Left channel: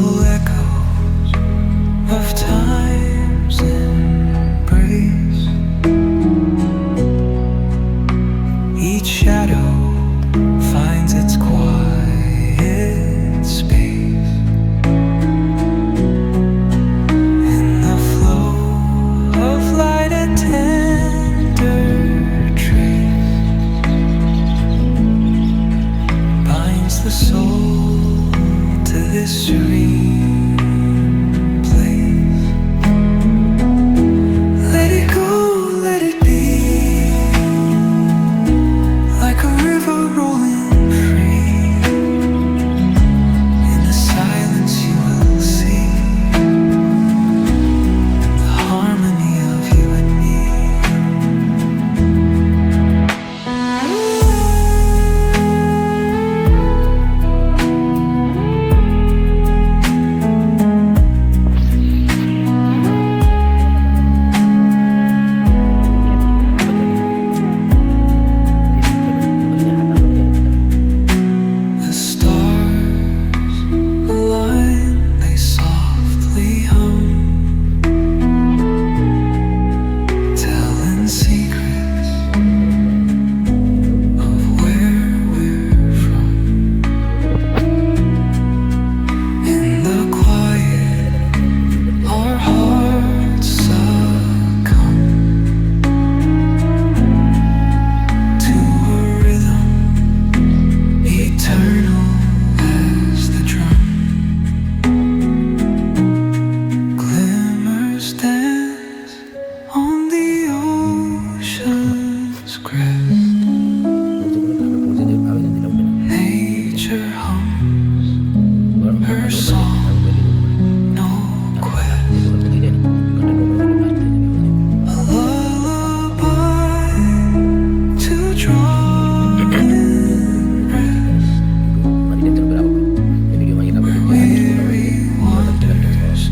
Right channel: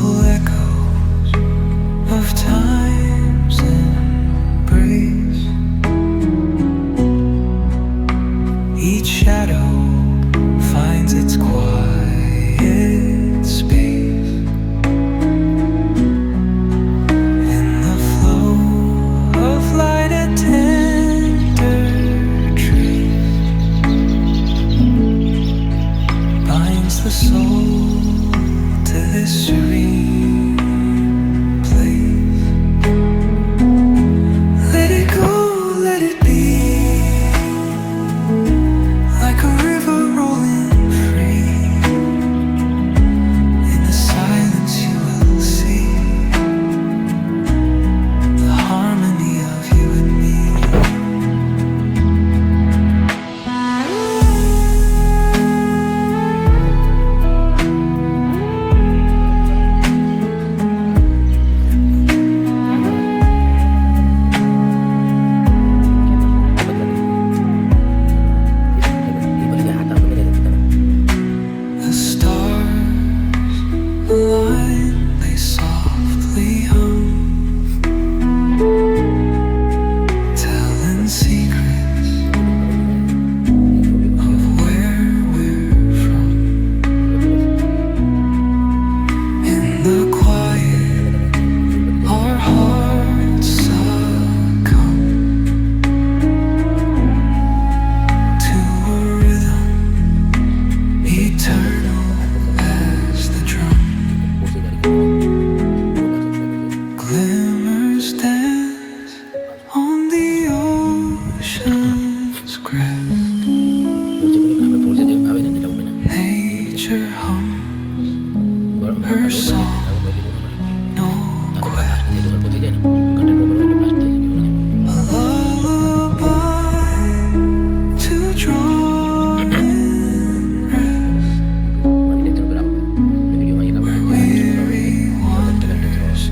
Little echoes of time's embrace. Each shadow finds its quiet space in the flow of light, a tender trace binds the soul to this serene place. Let it go, let it be, like a river rolling free. In the silence you will see the harmony of you and me. The stars align, they softly hum, telling secrets of where we're from. In the quiet, our hearts succumb to a rhythm eternal as the drum. Glimmers dance on the ocean's crest. Nature hums her song, no quest. A lullaby to draw in rest. Weary wanders